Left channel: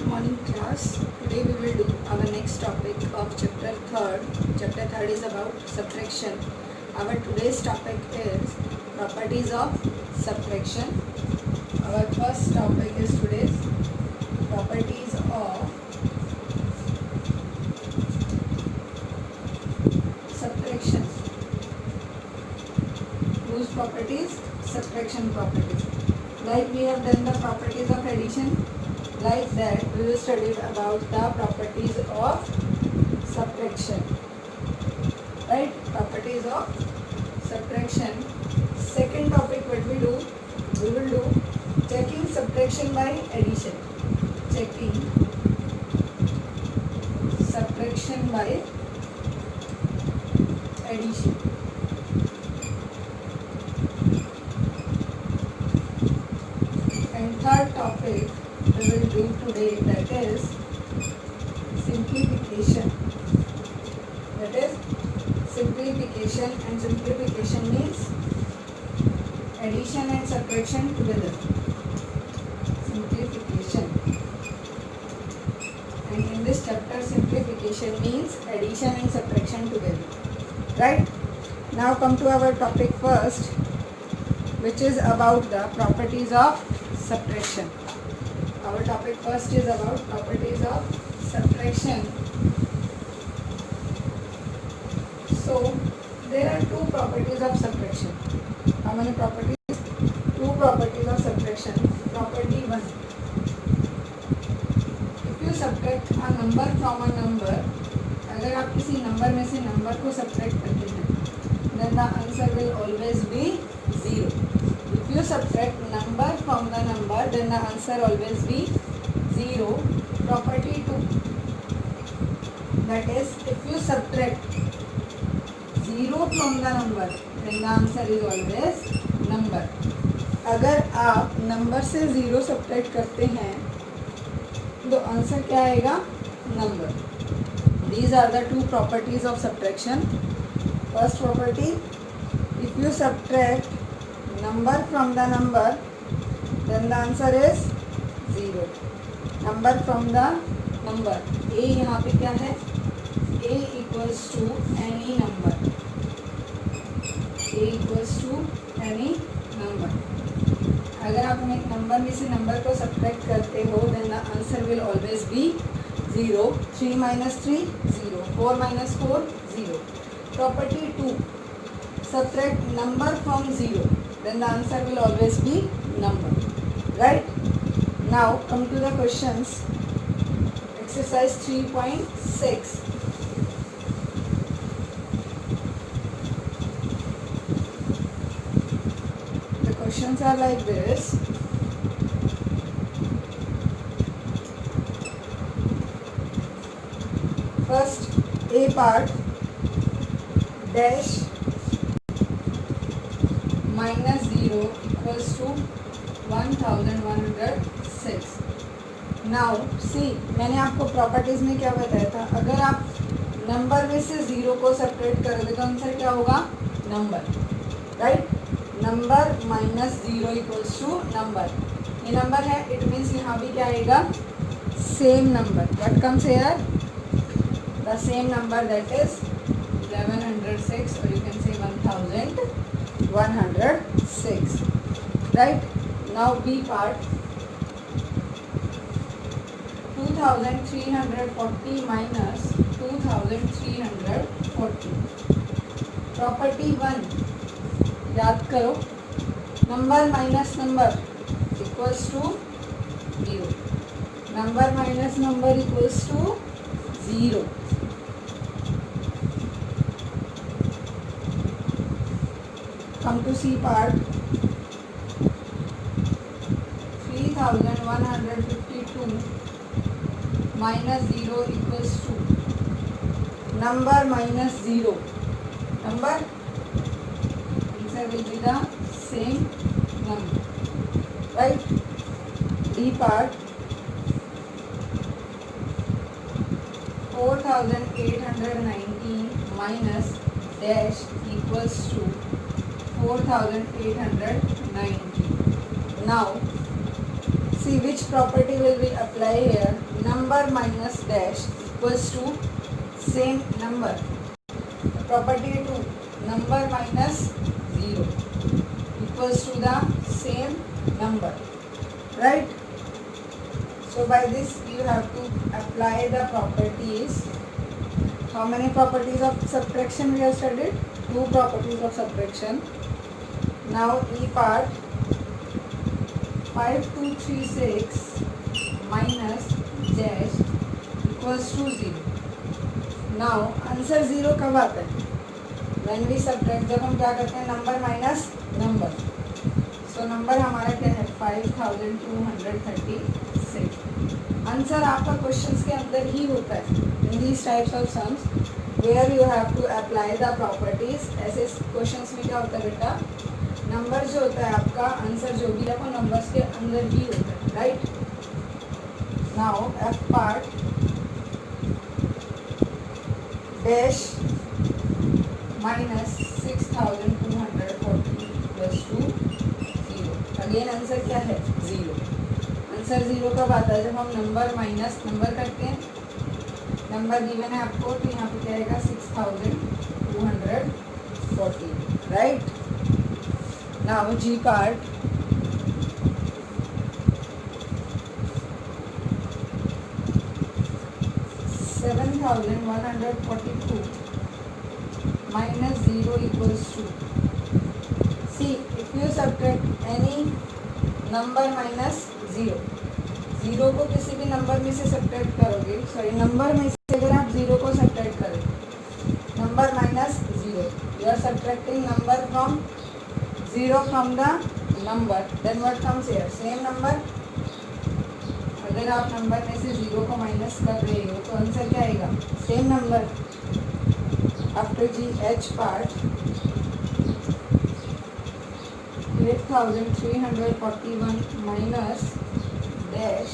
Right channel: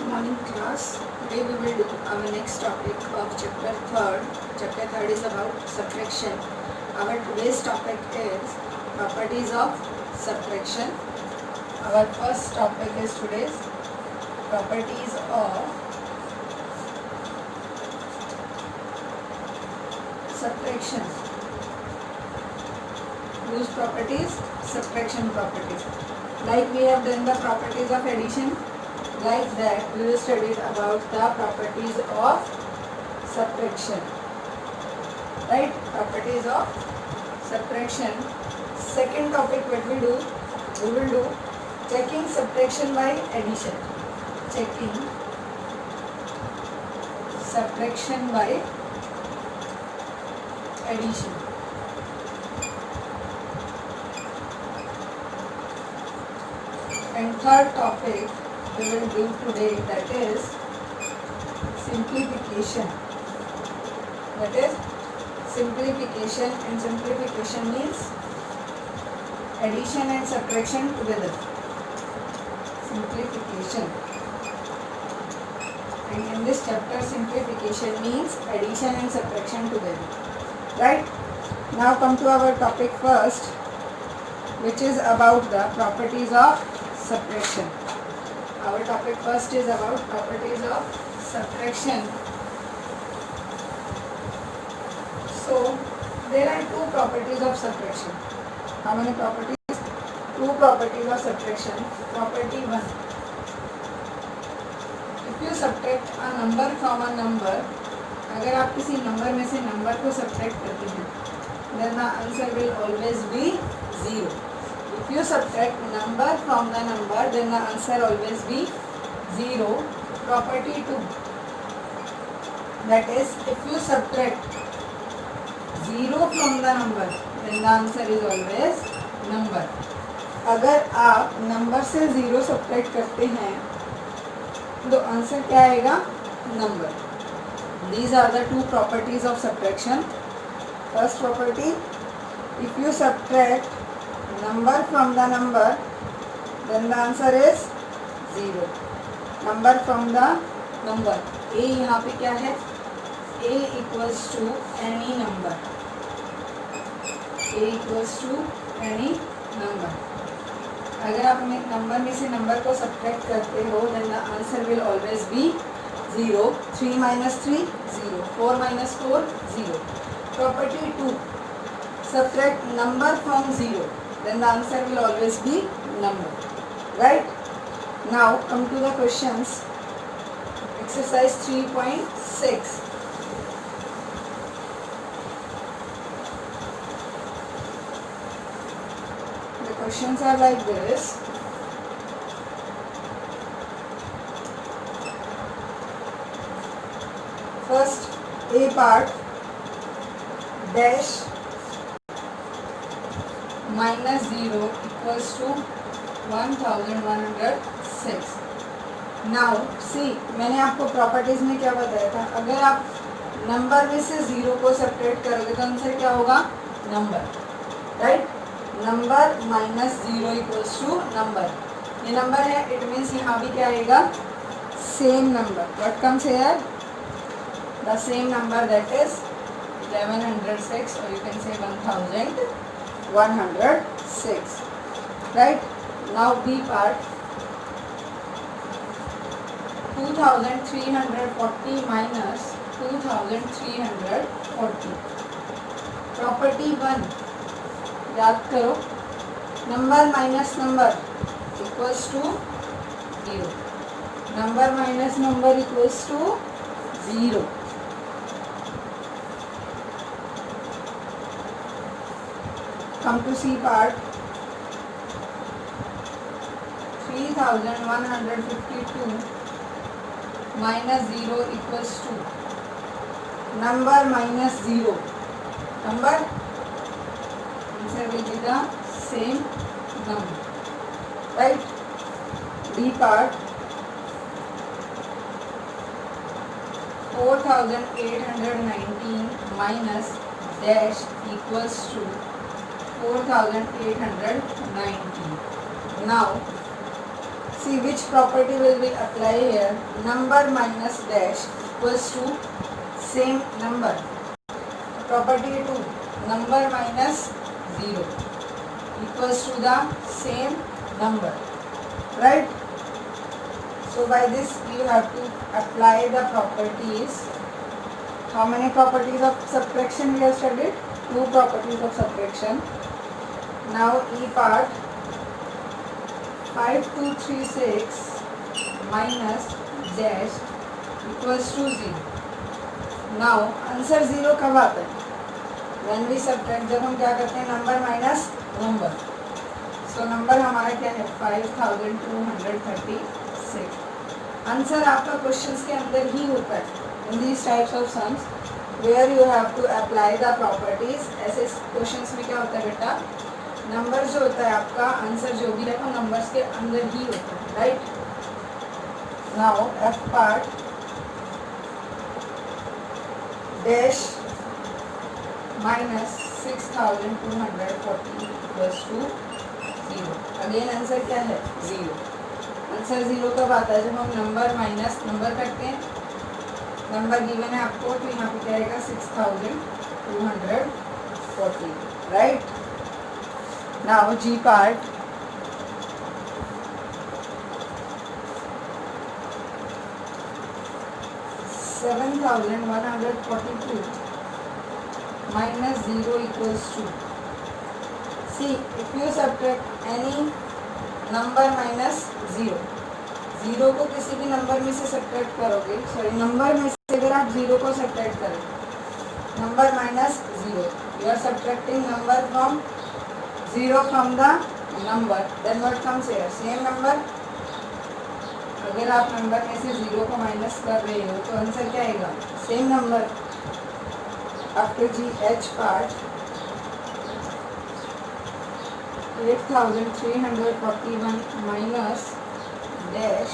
Good morning class. Today we will do our next topic of chapter 3rd. Chapter 3rd is about subtraction. Our today's topic is properties of subtraction. Our first topic is today's properties of subtraction. Whose properties? Subtraction properties. Like we have done the properties of addition, like that we will study about the properties of subtraction. Right? Properties of subtraction. Second topic what we will do checking subtraction by addition. Checking subtraction by addition. And third topic we will do today, that is simplification. That is simplification, and simplification means addition and subtraction together. Simplification. And in this chapter simplification means addition and subtraction together. Right? Now come to our topic first, which is about the properties of subtraction. Our topic first is about properties of subtraction. So there are two properties of subtraction. How many properties? Two properties of subtraction. Property 1. If you subtract a number from a number, अगर आप किसी नंबर में से नंबर को subtract करते हैं, then the answer will always be 0. If you subtract number from the number, then the answer always be 0. Property 2. That is, if you subtract 0 from the number, then the answer is always number. अगर आप नंबर से 0 subtract करते हैं, तो answer क्या आएगा? Number. These are the two properties of subtraction. First property, if you subtract number from the number, then the answer is 0. Number from the number. A यहाँ पे क्या है? A equals to any number. A equals to any number. अगर आप number में से नंबर को सब्ट्रैक्ट करते हो, then the answer will always be 0. 3 minus 3, 0. 4 minus 4, 0. Property 2. Subtract number from 0. Then the answer will always be number. Right? Now come to the questions. Exercise 3.6. The questions are like this. First, A part, dash minus 0 equals to 1106. Now see, मैंने आपको प्रॉपर्टीज में क्या बताया था? अगर आप number में से 0 को सेपरेट करोगे तो आंसर क्या होगा? Number. Right? Number minus 0 equals to number. ये नंबर है, इट मीन्स यहाँ भी क्या आएगा? Same number. What comes here? The same number, that is 1106, or you can say 1106. Right? Now B part, 2340 minus 2340. Property 1. याद करो, number minus number equals to 0. Number minus number equals to 0. Come to C part. 3152 minus 0 equals to number minus 0. Number, answer will be the same number. Right? D part, 4819 minus dash equals to 4890. Now see which property will be apply here. Number minus dash equals to same number. Property 2, number minus 0 equals to the same number, right? So by this you have to apply the properties. How many properties of subtraction we have studied? 2 properties of subtraction. Now E part, 5236 minus dash equals to 0. Now answer 0 कब आता है? When we subtract, जब हम क्या करते हैं, number minus number. So number हमारा क्या है? 5236. आंसर आपका क्वेश्चंस के अंदर ही होता है. In these types of sums where you have to apply the properties. ऐसे क्वेश्चंस में क्या होता है बेटा, नंबर जो होता है आपका, आंसर जो भी है वो नंबर्स के अंदर ही होता है, right? Now F part, dash minus 6240 प्लस 2 0. अगेन आंसर क्या है? 0. आंसर 0 कब आता है? जब हम नंबर माइनस नंबर करते हैं. नंबर गिवन है आपको, तो यहाँ पे क्या आएगा? 6240, राइट? नाउ जी पार्ट, (7,142) minus 0 equals to. See, if you subtract any number minus 0, 0 को किसी भी नंबर में से सब्ट्रैक्ट करोगे, सॉरी नंबर में से अगर आप 0 को सब्ट्रैक्ट करें, number minus 0, you are subtracting number from 0 from the number, then what comes here? Same number. अगर आप नंबर में से 0 को माइनस कर रहे हो तो आंसर क्या आएगा? Same number. After ji H part, 8341 minus dash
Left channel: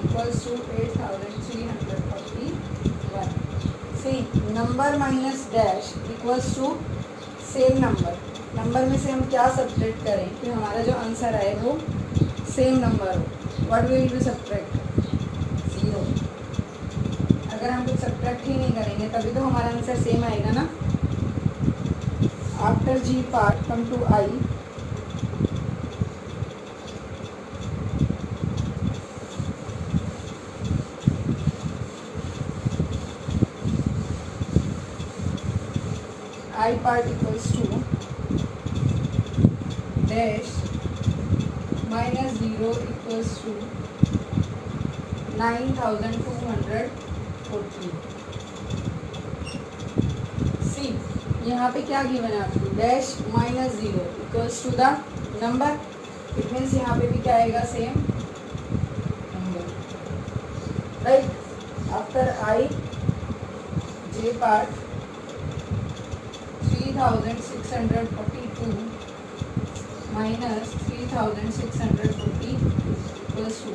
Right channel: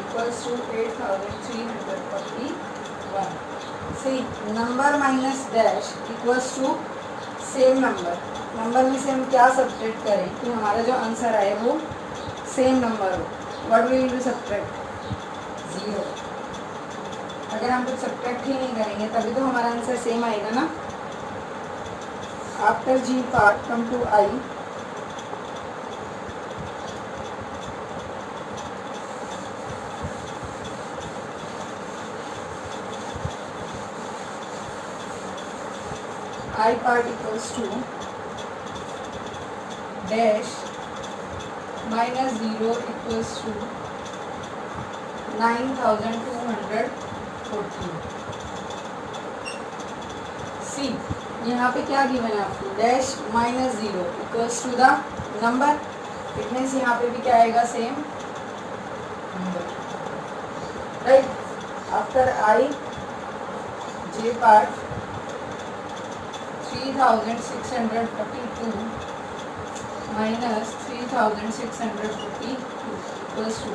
equals to 8341. See, number minus dash equals to same number. Number में से हम क्या सब्ट्रैक्ट करें कि हमारा जो आंसर आए वो सेम नंबर हो? What we will be subtract? 0. अगर हम कुछ सब्ट्रैक्ट ही नहीं करेंगे तभी तो हमारा आंसर सेम आएगा ना. After G part, come to I. I part equals to dash minus 0 equals to 9240. See, यहाँ पे क्या गिवन है आपको? Dash minus 0 equals to the number. It means यहाँ पे भी क्या आएगा? Same number, right? After I J part, 3642 minus 3642 equals to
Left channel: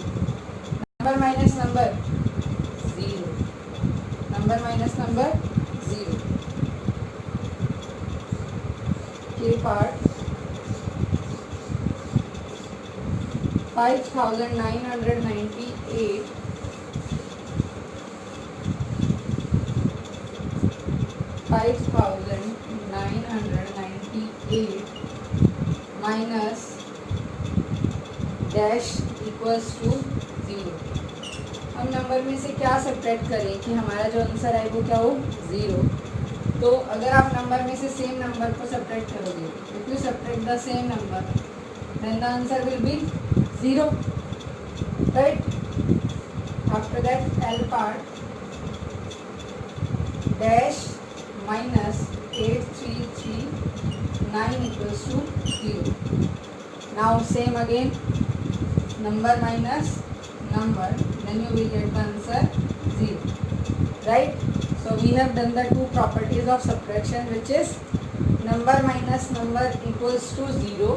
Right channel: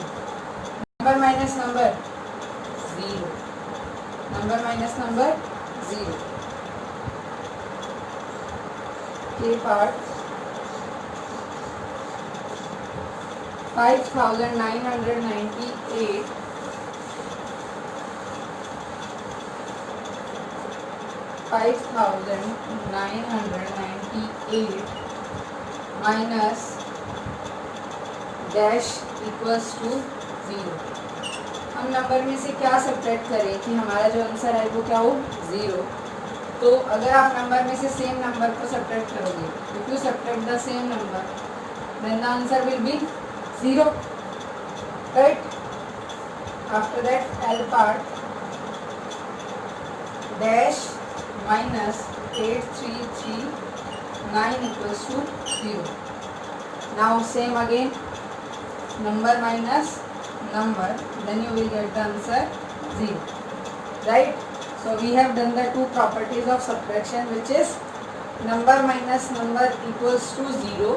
number minus number 0. Number minus number 0. K part, 5998 5,998 minus dash equals to 0. हम नंबर में से क्या सब्ट्रैक्ट करें कि हमारा जो आंसर आए वो क्या हो? 0. तो अगर आप नंबर में से सेम नंबर को सब्ट्रैक्ट करोगे, if you subtract the same number, then the answer will be 0, right? After that L part, dash minus 8339 equals to 0. Now same again, number minus number, then you will get the answer 0, right? So we have done the 2 properties of subtraction, which is number minus number equals to 0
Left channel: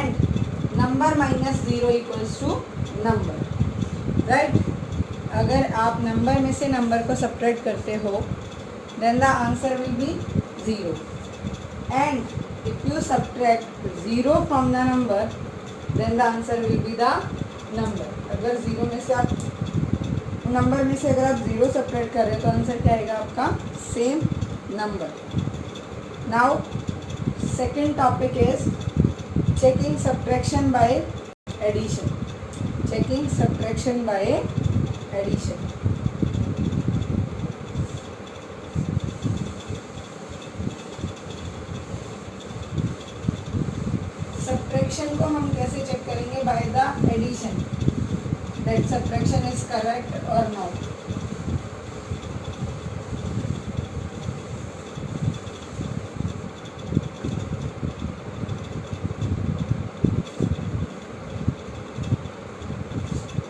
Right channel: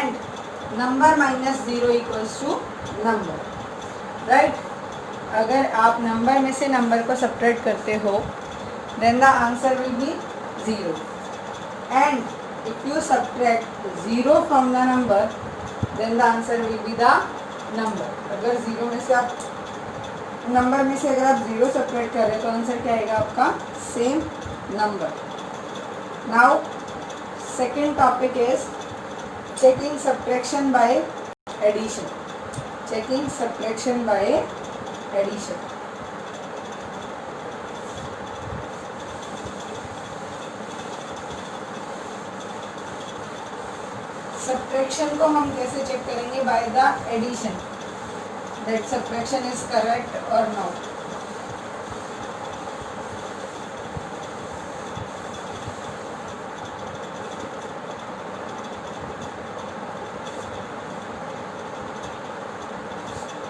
and number minus 0 equals to number, right? अगर आप number में से नंबर को सब्ट्रैक्ट करते हो, then the answer will be 0. And if you subtract 0 from the number, then the answer will be the number. अगर zero में से आप नंबर में से अगर आप जीरो सब्ट्रैक्ट कर रहे हैं तो आंसर क्या आएगा आपका same number. Now second topic is checking subtraction by addition. Checking subtraction by addition. Subtraction को हम कैसे चेक करेंगे? By the addition, that subtraction is correct और not.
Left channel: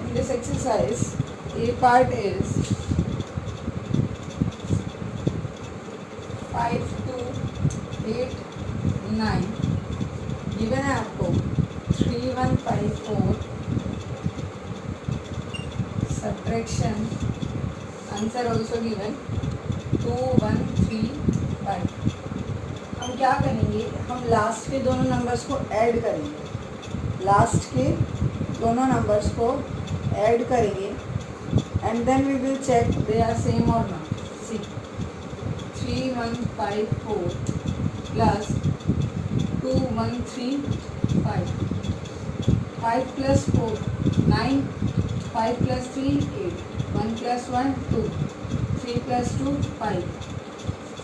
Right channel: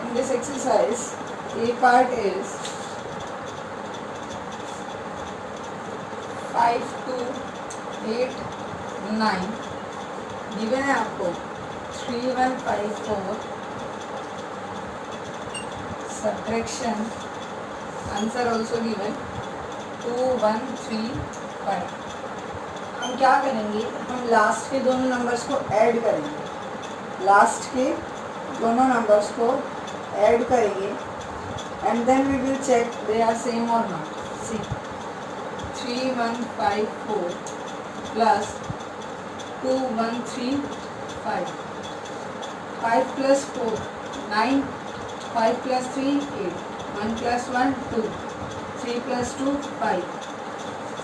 In this exercise, A part is 5, 2, 8, 9. गिवन है आपको 3, 1, 5, 4. Subtraction answer also given 2, 1, 3, 5. हम क्या करेंगे? हम लास्ट के दोनों नंबर्स को ऐड करेंगे. लास्ट के दोनों नंबर्स को ऐड करेंगे and then we will check they are same और नॉट. See 3, 1, 5, 4 plus 2, 1, 3, 5. 5 plus 4, 9. 5 plus 3, 8. 1 plus 1, 2. 3 plus 2, 5.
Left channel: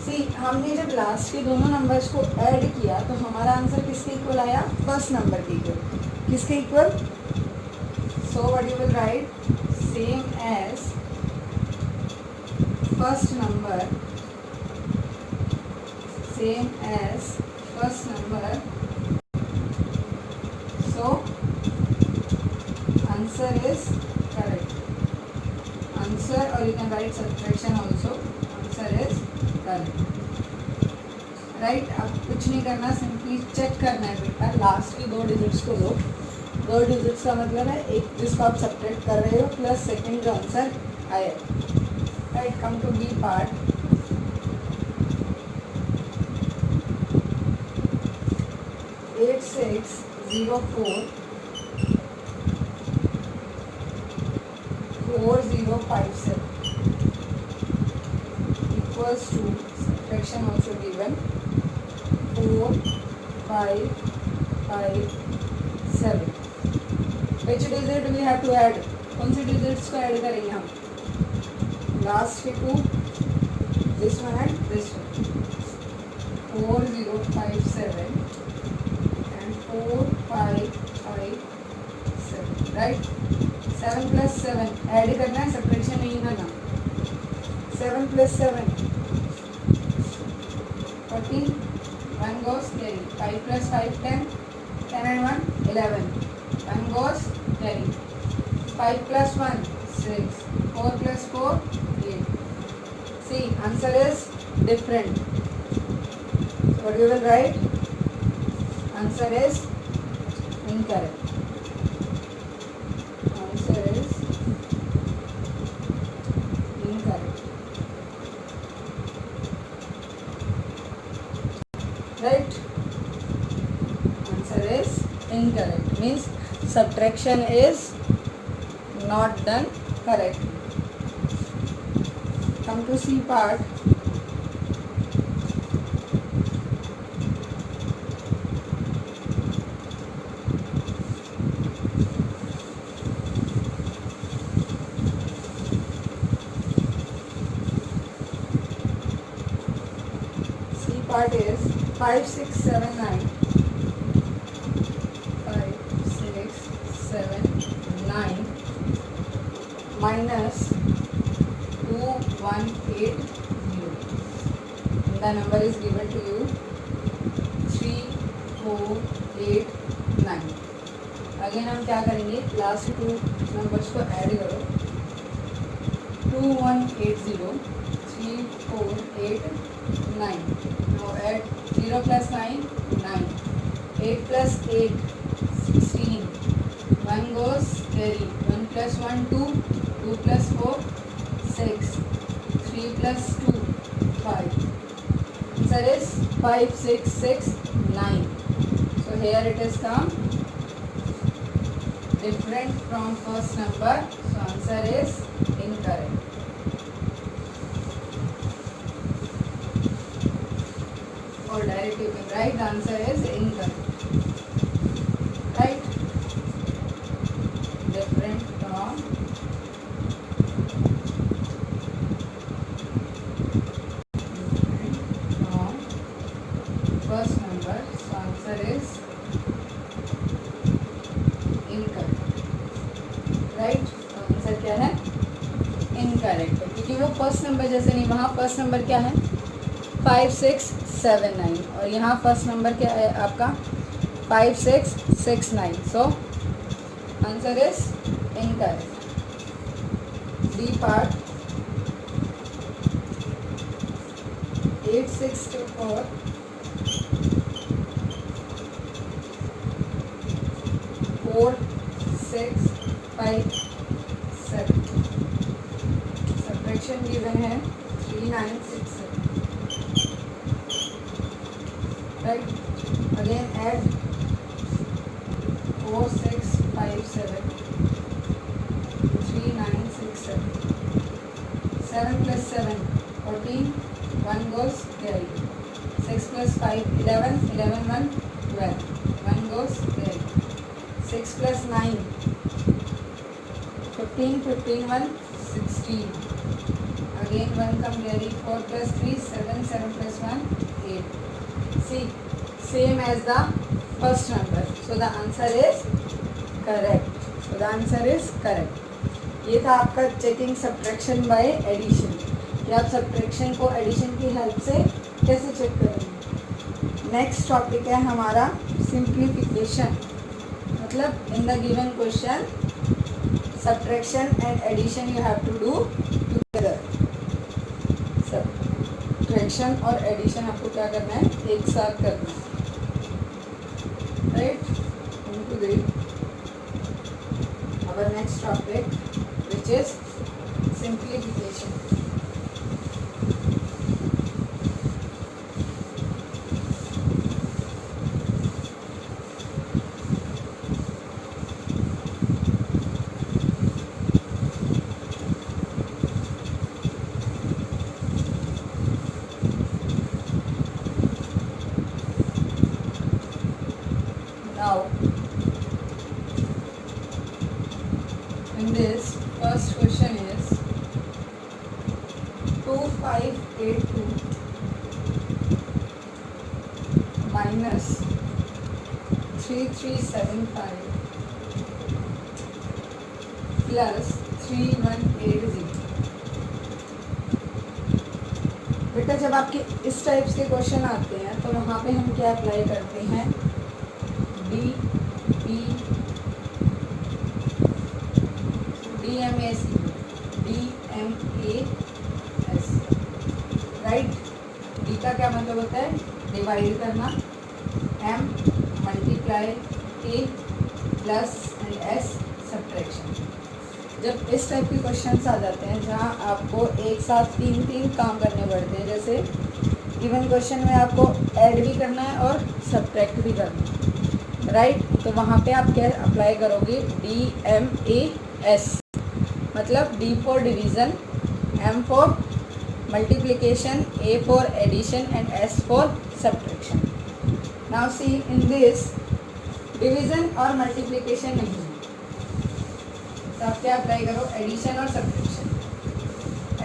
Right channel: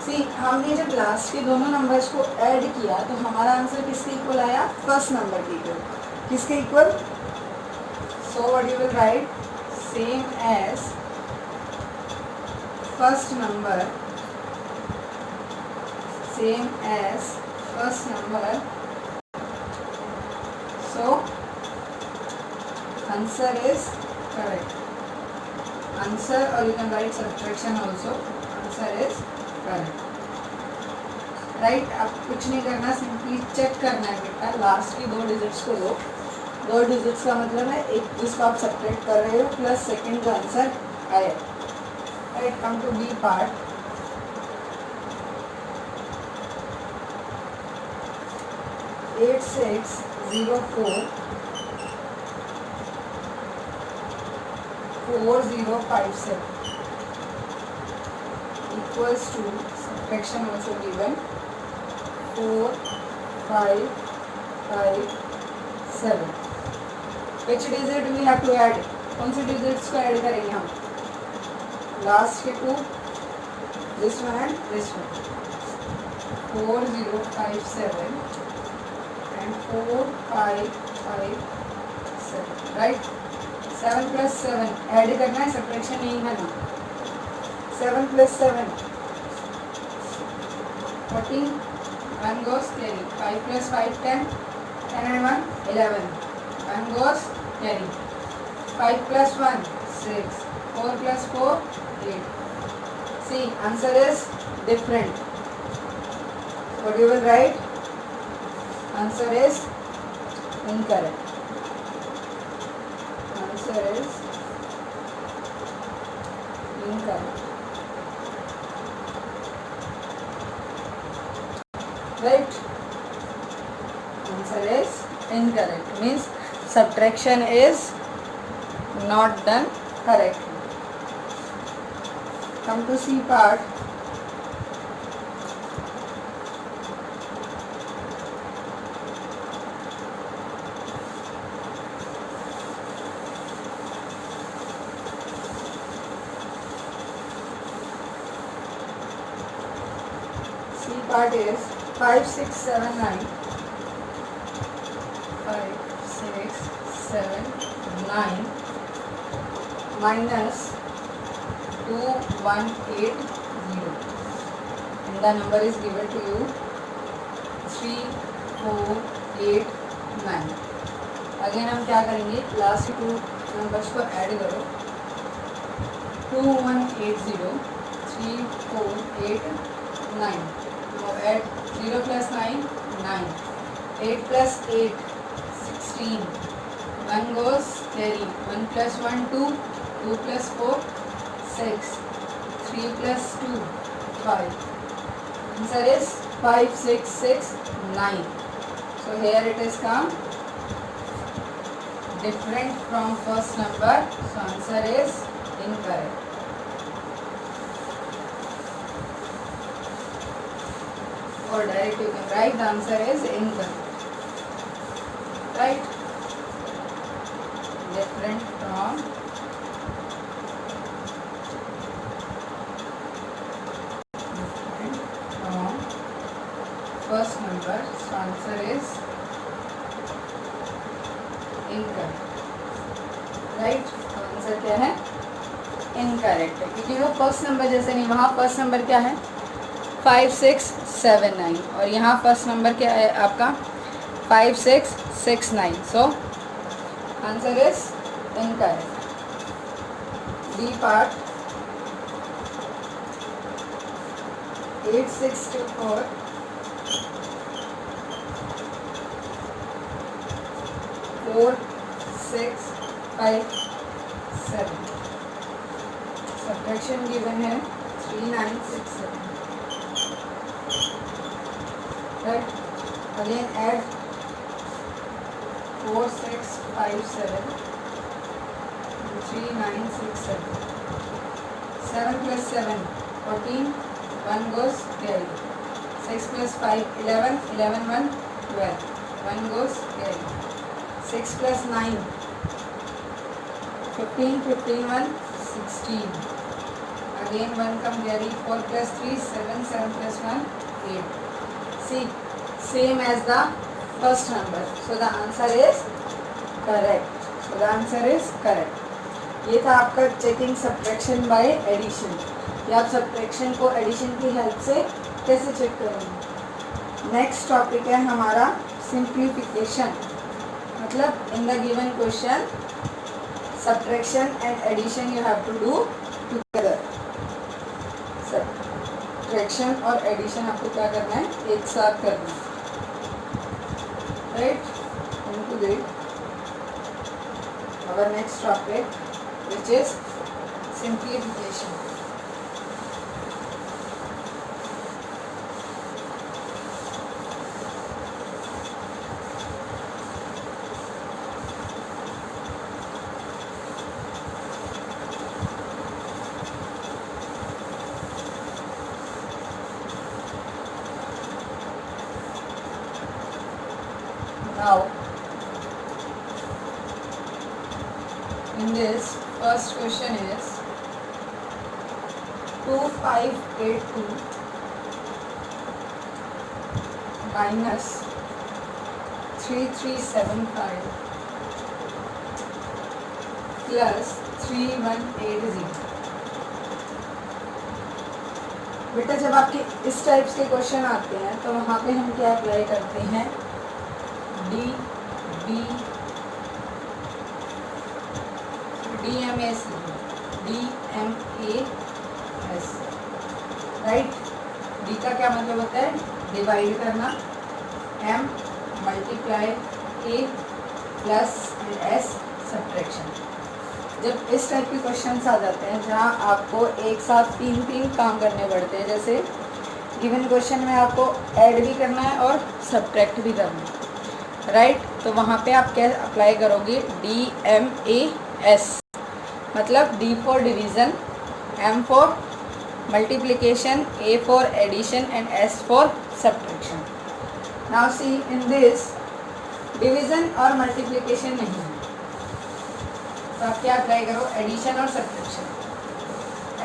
सी हमने जब लास्ट के दोनों नंबर्स को ऐड किया तो हमारा आंसर किसके इक्वल आया? फर्स्ट नंबर के इक्वल. किसके equal? So what you will write? Same as first number. Same as first number. So answer is correct. Answer, or you can write subtraction also. Answer is correct. Right? अब कुछ नहीं करना, simply check करना है बेटा. लास्ट की 2 डिजिट्स को लो. 2 डिजिट्स का मतलब है एक जिसको आप सब्ट्रैक्ट कर रहे हो प्लस सेकेंड जो आंसर आया. Right, come to B part. 8604 4057 equals to, subtraction also given, 4 5 5 7. which digit we have to add? कौन से डिजिट्स को ऐड करेंगे हम? लास्ट के 2, this one and this one. 4057 4 5 5 7. राइट. 7 plus 7 ऐड करना है, सब्ट्रैक्शन नहीं करना. 7 plus 7 14. 1 goes carry. 5 plus 5 10. 10 and 1 11. 1 goes carry. 5 plus 1 6. 4 plus 4 8. See, answer is different. What you will write? Answer is incorrect. Answer is incorrect. Right? Answer is incorrect. Means subtraction is not done correctly. Come to C part. Part is 5 6 7 9. 5 6 7 9 minus 2 1 8 0. And the number is given to you 3 4 8 9. अगेन हम क्या करेंगे? लास्ट 2 नंबर्स को ऐड करो. 2 1 8 0. 3 4 8 9. Now add 0 plus 9 9. 8 plus 8 16. 1 goes carry. 1 plus 1 2. 2 plus 4 6. 3 plus 2 5. Answer is 5 6 6 9. So here it is come different from first number, so answer is incorrect. Or direct you can write the answer is incorrect. Right? Different from first number, so answer is incorrect. Right? तो answer क्या है? इनकरेक्ट है, क्योंकि वो first number जैसे नहीं, वहाँ first number क्या है 5 6 7 9 और यहाँ फर्स्ट नंबर क्या है आपका 5 6 6 9. So answer is incorrect. D part 8 6 2 4 4 6 5 7. Subtraction given है 3 9 6 7. Right? Again add 4 6 5 7 3 9 6 7. 7 plus 7 14. 1 goes 12. 6 plus 5 11. 11 1 12. 1 goes 12. 6 plus 9 15. 15 1 16. Again 1 come carry. 4 plus 3 7. 7 plus 1 8. See, same as the first number, so the answer is correct. So the answer is correct. ये था आपका checking subtraction by addition, कि आप सब्ट्रैक्शन को एडिशन की हेल्प से कैसे चेक करेंगे. नेक्स्ट टॉपिक है हमारा सिंप्लीफिकेशन. मतलब in the given question subtraction and addition you have to do together. Subtraction और एडिशन आपको क्या करना है, एक साथ करना है. Right? Into that our next topic, which is simplification. Now in this first question is 2582 minus 3375 plus 3180. बेटा जब आपके इस टाइप्स के क्वेश्चन आते हैं तो वहाँ पे हम क्या अप्लाई करते हैं, D B DMAS, right. D का क्या मतलब होता है, डिवाइड करना. M multiply A plus and S subtraction. जब इस टाइप के क्वेश्चंस आ जाते हैं जहाँ आपको एक साथ तीन काम करने पड़ते हैं, जैसे गिवन क्वेश्चन में आपको ऐड भी करना है और सब्ट्रैक्ट भी करना है, राइट. तो वहाँ पे आप क्या अप्लाई करोगे, DMAS. मतलब D for division, M for multiplication, A for addition and S for subtraction. Now see in this division और मल्टीप्लिकेशन नहीं है, तो आप क्या अप्लाई करो, एडिशन और सब्ट्रैक्शन.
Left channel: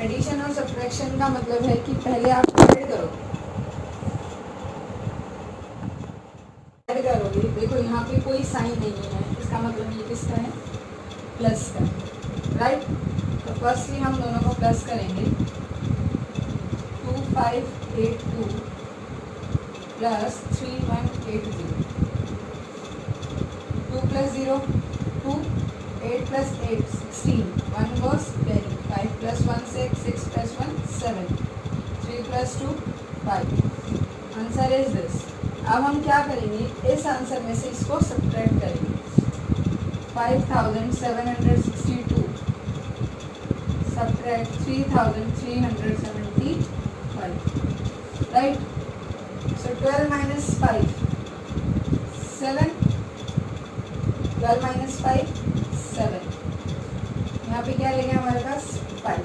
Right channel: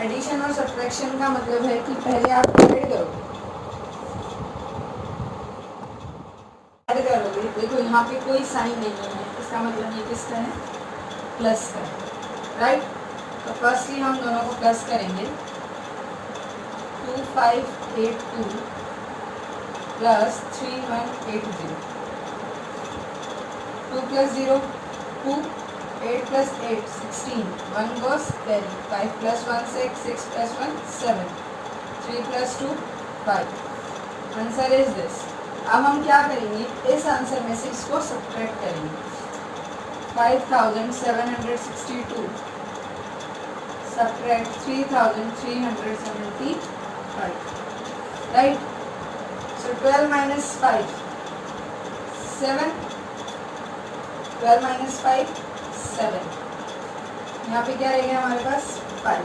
एडिशन और सब्ट्रैक्शन का मतलब है कि पहले आप ऐड करोगे. देखो यहाँ पे कोई साइन नहीं है, इसका मतलब ये किसका है, प्लस का है, राइट. तो फर्स्टली हम दोनों को प्लस करेंगे. 2582 प्लस 3180. 2 plus 0 2. 8 plus 8 16. 1 goes 10. 5 plus 1 6. 6 plus 1 7. 3 plus 2 5. Answer is this. अब हम क्या करेंगे, इस आंसर में से इसको सब्ट्रैक्ट करेंगे. 5762 subtract 3375, right? So 12 minus 5 7. 12 minus 5 7, यहाँ पे क्या रह गया हमारे पास 5,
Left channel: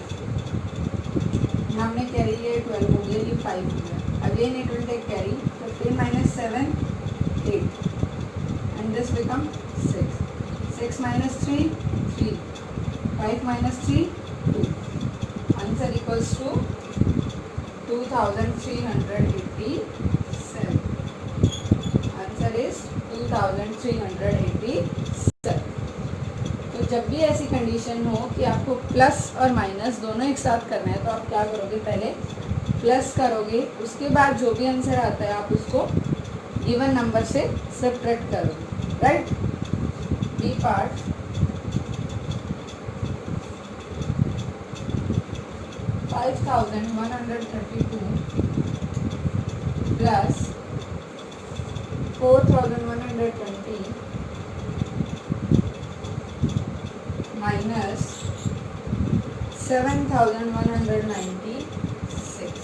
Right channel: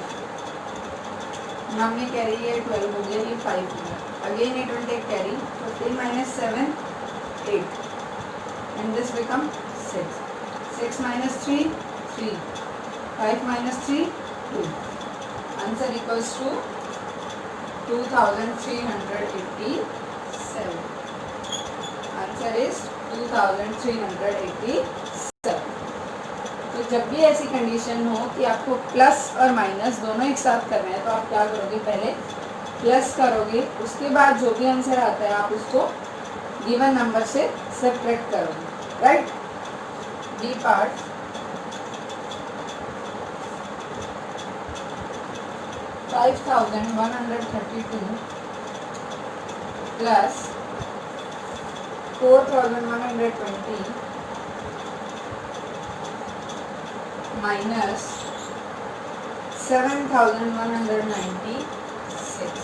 यहाँ में कैरी है 12 हो गया, ये 5 हो गया, again it will take carry, 15 minus 7 8 and this become 6, 6 minus 3 3, 5 minus 3 2, answer equals to 2387, answer is 2387। तो जब भी ऐसी कंडीशन हो कि आपको प्लस और माइनस दोनों एक साथ करना है तो आप क्या करोगे, पहले प्लस करोगे, उसके बाद जो भी आंसर आता है आप उसको गिवन नंबर से सब्ट्रैक्ट करोगे, right. B part, $5,132 plus 4,120 minus 7,196।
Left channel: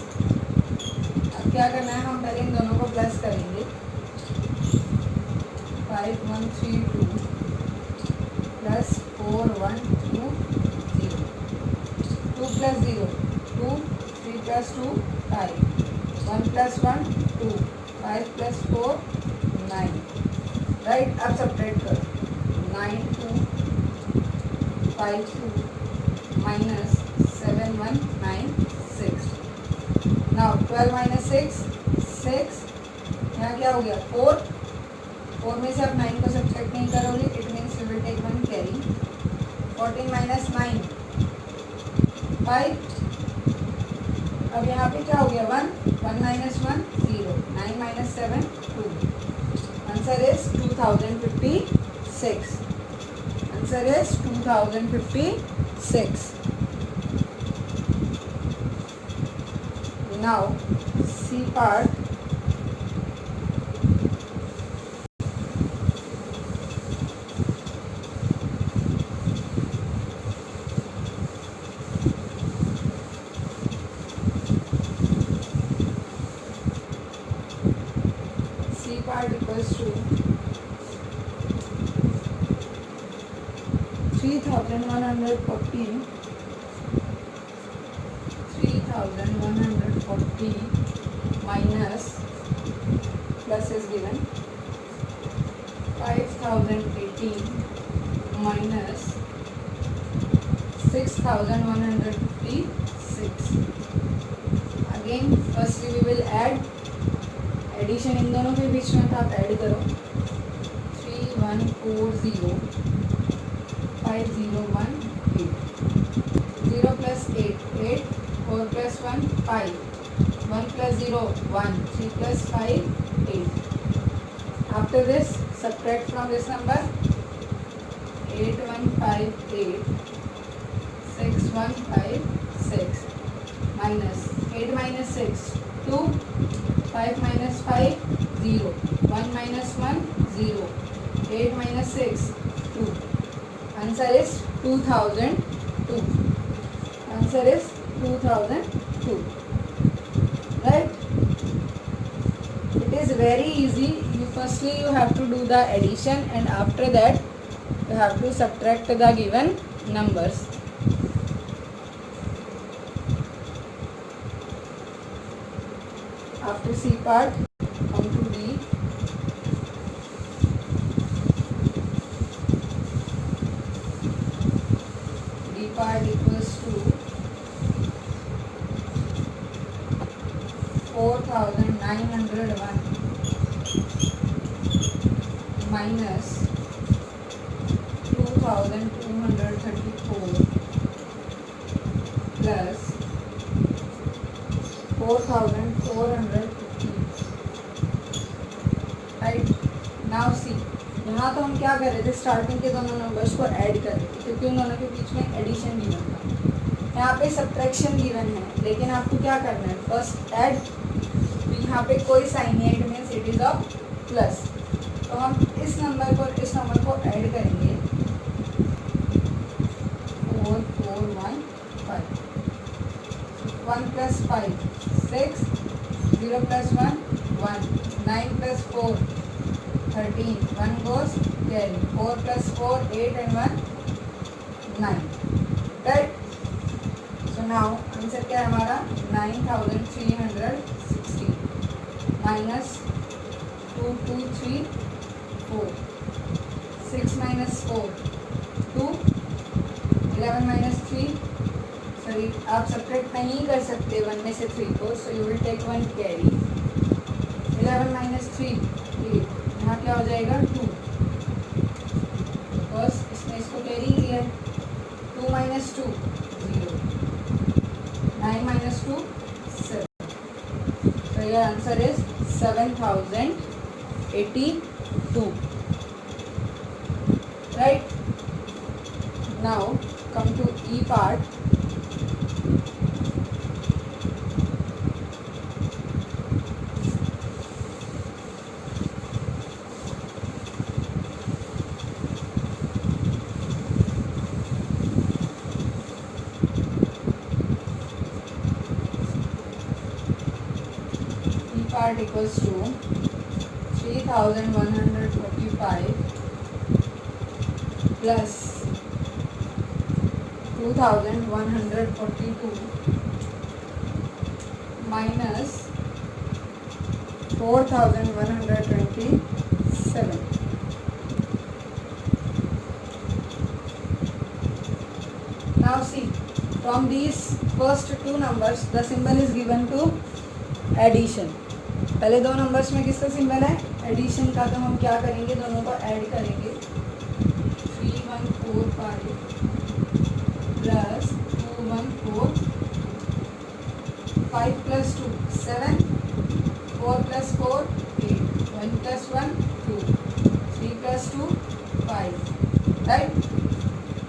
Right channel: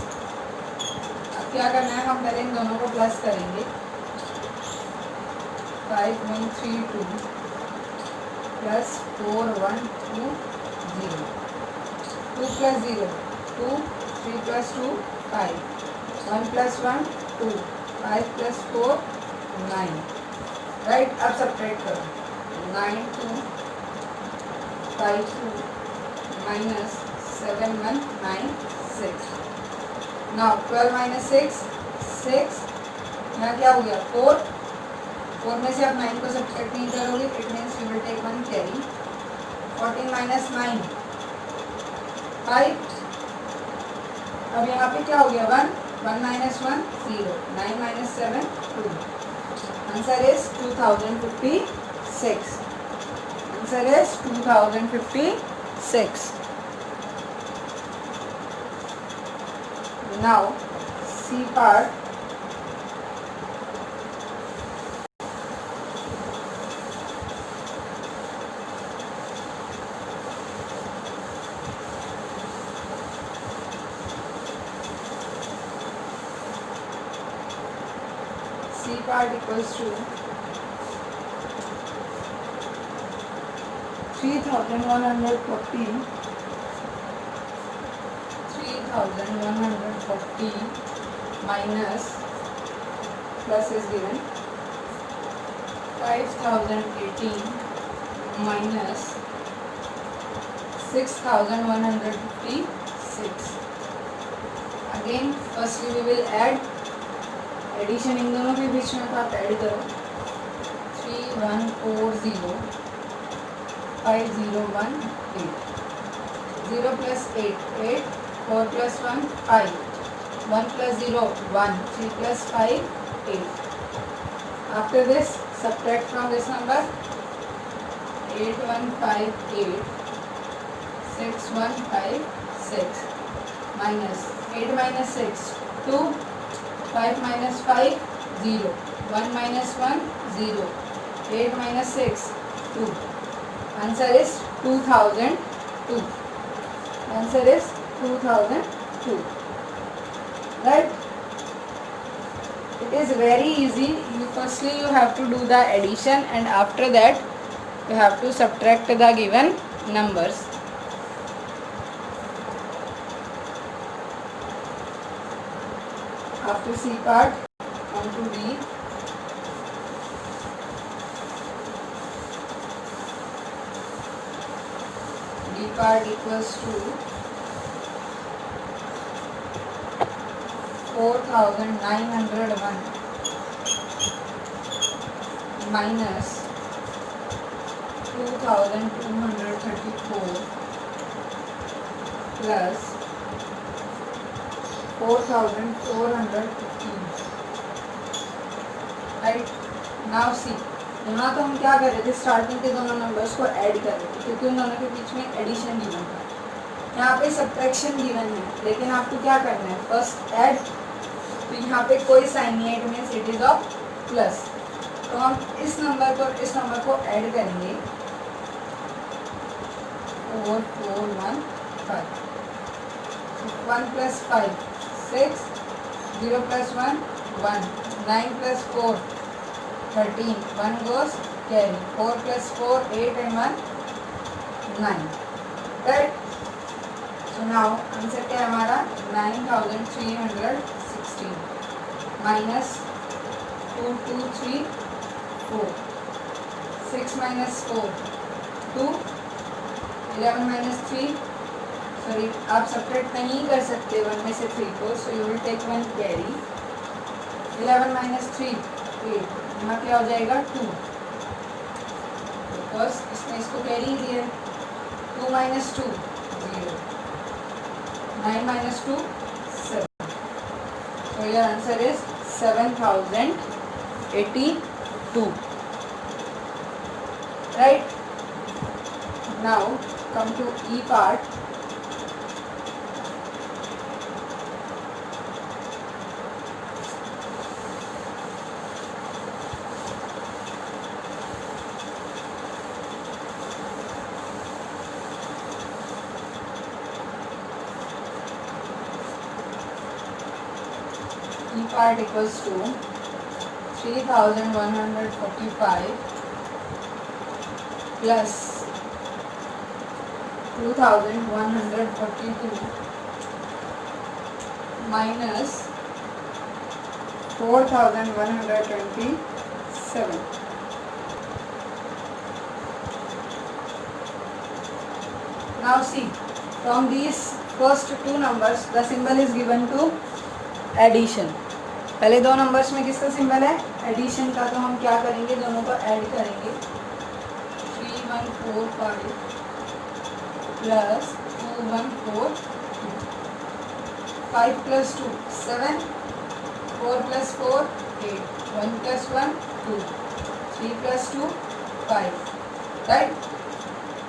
अब क्या करना है, हम पहले इन दोनों को प्लस करेंगे, 5132 प्लस 4120, 2 plus 0 2, 3 plus 2 5, 1 plus 1 2, 5 plus 4 9, राइट। अब सब्ट्रैक्ट करो, 9 2 5 2 माइनस 7 1 9 6, नाउ 12 minus 6 6, यहाँ क्या हो गया 4, 4 में से आप 9 को सब्ट्रैक्ट नहीं करोगे, it means you will take 1 carry, 14 minus 9 5, अब यहाँ पे क्या हो गया 1 1 minus 1 0, 9 minus 7 2, answer is 2056, answer is 2056। Now C part, part equals to 3,140 minus, plus is given, 5,018 minus 6,156, again firstly we will add, addition इन दोनों के बीच में तो आप ऐड करो, 3140 5018, 0 plus 8 8, 4 plus 1 5, 1 plus 0 1, 3 plus 5 8, after this subtract from this number, 8158 6156 minus 8 minus 6 2, 5 minus 5 0, 1 minus 1 0, 8 minus 6 2, answer is 2002, answer is 2002, right। It is very easy, firstly you have to do the addition and after that you have to subtract the given numbers। After C part, come to D. D part equals to 4,901 minus 2,234 plus 4,415, right. Now see, यहाँ तो हम क्या कर रहे थे, स्टार्टिंग के दोनों नंबर्स को ऐड कर रहे थे क्योंकि उन दोनों के बीच में एडिशन गिवन था, यहाँ पे सब्ट्रैक्शन गिवन है, लेकिन आपको क्या करना है, फर्स्ट ऐड, तो यहाँ पे कोई साइन नहीं है, it means it is of plus, तो हम इस नंबर को ऐड करेंगे, 4415, 1 plus 5 6, 0 plus 1 1, 9 plus 4 13, 1 goes carry, 4 plus 4 8 and 1 9, right? So now आंसर क्या है हमारा 9316 minus 2234, 6 minus 4 2, 11 minus 3, सॉरी आप सब्ट्रैक्ट नहीं कर सकते 1 में से 3 को, so you will take 1 carry. 11 minus 3 8, यहाँ क्या हो जाएगा 2, बिकॉज इसने इसको कैरी किया. 2 minus 2 0, 9 minus 2 7. So your answer is 7082. Right? Now come to E part. Part equals to 3145 plus 2142 minus 4127. Now see, from these first two numbers the symbol is given to addition. पहले दो नंबर्स में किसका सिंबल है एडिशन का, तो हम क्या करेंगे दोनों को ऐड करेंगे. 3145 प्लस 214, 5 plus 2 7, 4 plus 4 8, 1 plus 1 2, 3 plus 2 5, राइट.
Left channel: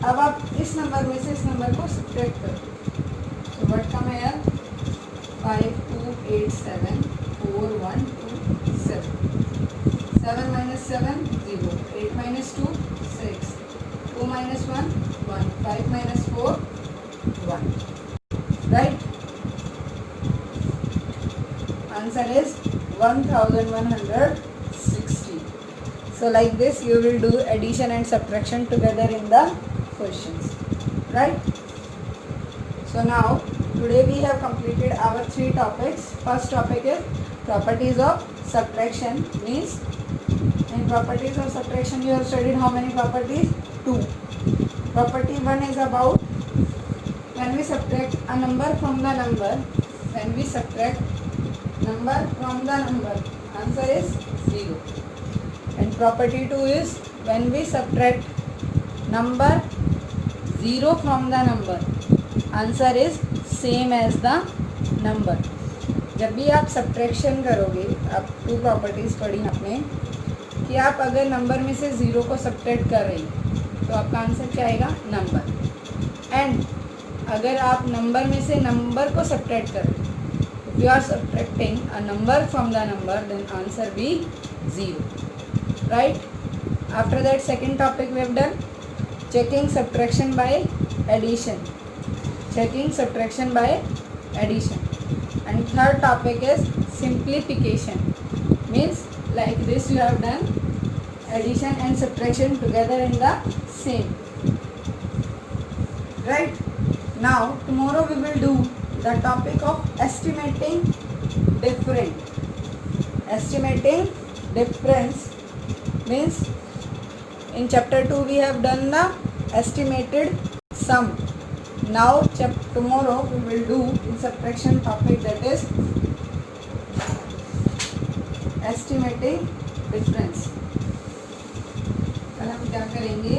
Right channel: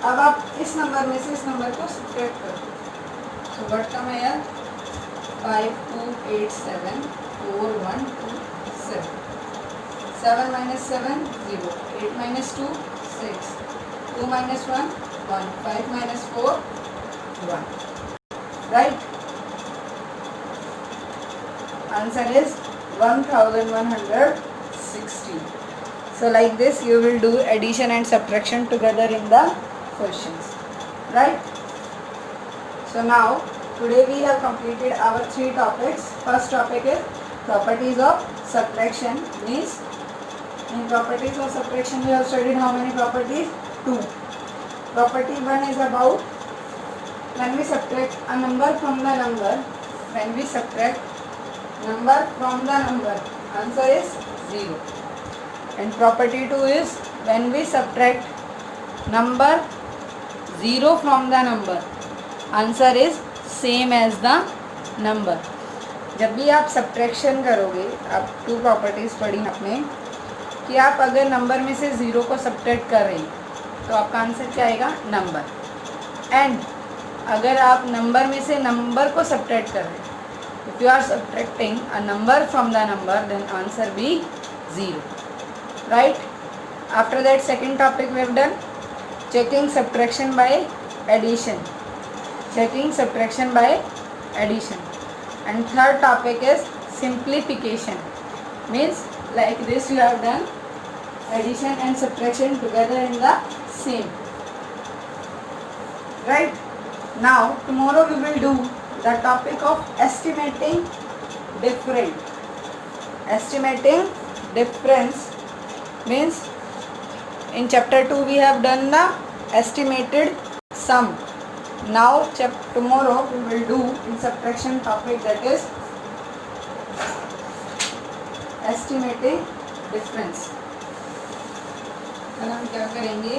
अब आप इस नंबर में से इस नंबर को सब्ट्रैक्ट करो. So what come here 5287 4127. 7 minus 7 0, 8 minus 2 6, 2 minus 1 1, 5 minus 4 1, right? Answer is 1160. So like this you will do addition and subtraction together in the questions, right? So now today we have completed our 3 topics. First topic is properties of subtraction. Means in properties of subtraction we have studied how many properties? 2. Property 1 is about when we subtract a number from the number. When we subtract number from the number, answer is 0. And property 2 is when we subtract number 0 from the number, answer is same as the number. जब भी आप सब्ट्रैक्शन करोगे, आप 2 प्रॉपर्टीज़ पढ़ी आपने कि आप अगर नंबर में से 0 को सब्ट्रैक्ट कर रही तो आपका आंसर क्या आएगा नंबर. एंड अगर आप नंबर में से नंबर को सब्ट्रैक्ट कर रहे, if you are subtracting a number from the number then answer be 0, right. After that second topic we have done checking subtraction by addition. Checking subtraction by addition. And third topic is simplification. Means like this you have done addition and subtraction together in the same. Right? Now tomorrow we will do the topic of estimating difference. Estimating difference means in chapter 2 we have done the estimated sum. Now tomorrow we will do in subtraction topic, that is estimating difference. कल हम क्या करेंगे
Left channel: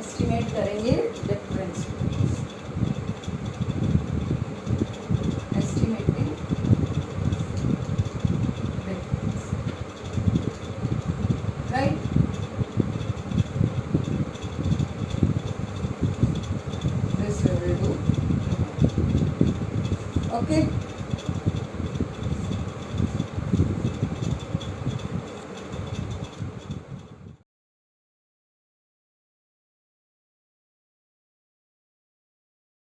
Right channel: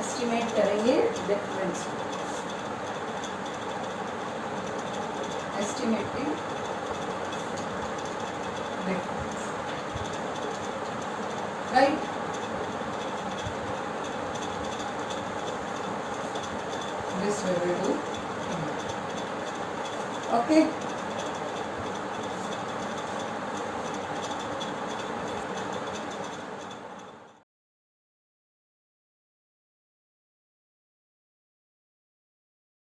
estimate करेंगे difference. Estimating difference, right? This we will do. Okay.